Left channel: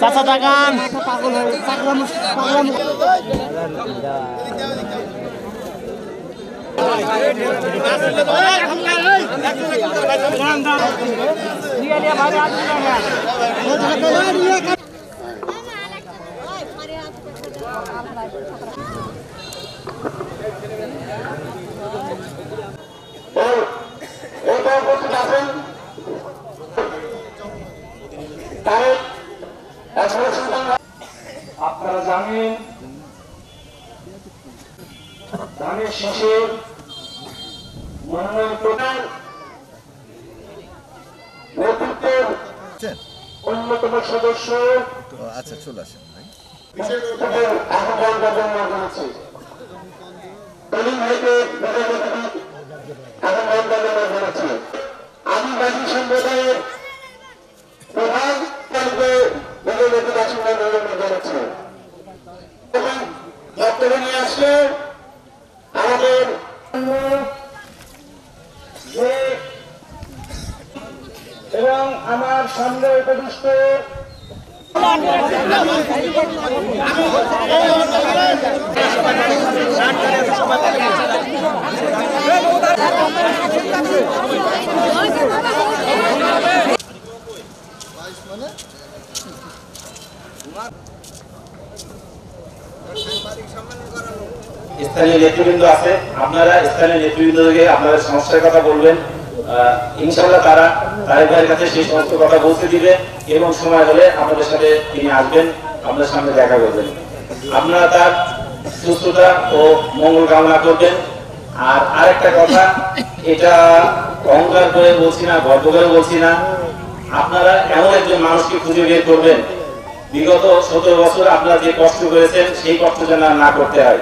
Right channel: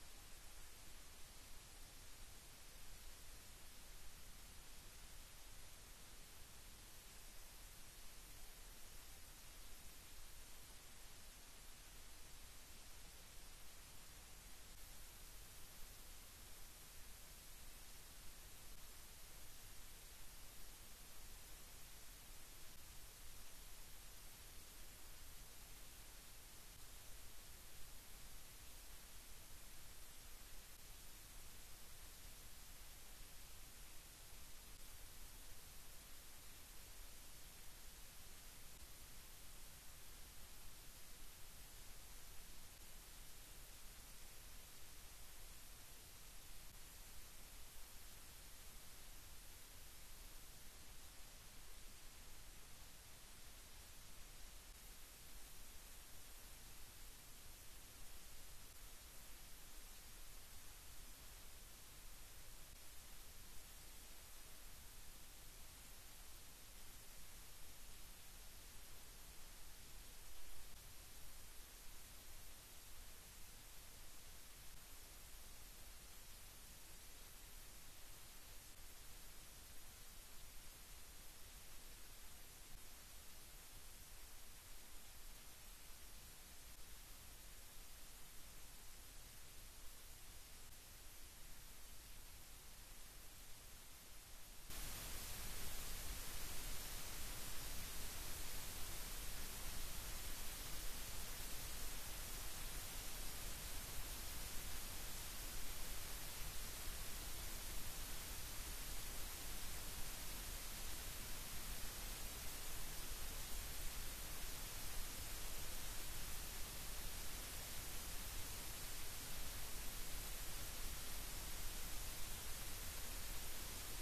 চাচা টাকান আপনারা জানেন ধানের শীষের মনোনয়ন প্রদান নেতৃত্বের অন্যতম সদস্য আচ্ছা চলে আসেন আহ্বান জানাচ্ছি কলিম ভাইকে আহ্বান জানাচ্ছি আদিবাসী সম্প্রদায়ের প্রধান জানাচ্ছি এবং বক্তব্য নিয়ে আসলে আমাদের এবং আমার সামনে উপবিষ্ট স্থানীয় নেতৃবৃন্দ আছে, আপনারা স্থানীয় নেতৃবৃন্দকে আপনাদের সমস্যার কথা বলবেন। ইনশাআল্লাহ তারা তারেক ভাইয়ের কাছে সেই সমস্ত কথা পৌঁছে দিবে এবং সময় হলে আপনাদের সাথে তিনি আসবেন, আপনাদের সামনে দেখা করবেন। আপনারা তার সুস্থতা ও মঙ্গল কামনা করবেন। আর আরেকটা কথা, এটা অহংকার করে বলছি না, গর্ব করে বলছি না, আপনারা এমন একজন মানুষকে খুঁজে বের করবেন বিগত 17 বছর আপনারা যে কষ্ট করেছেন সেই কষ্ট যেন না করতে হয়।